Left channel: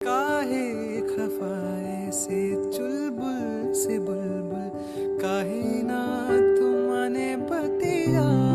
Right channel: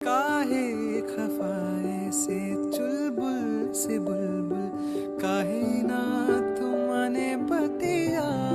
काहे खफाए से चुलबुल से बुलबुल, काहे ना तुमने बतिया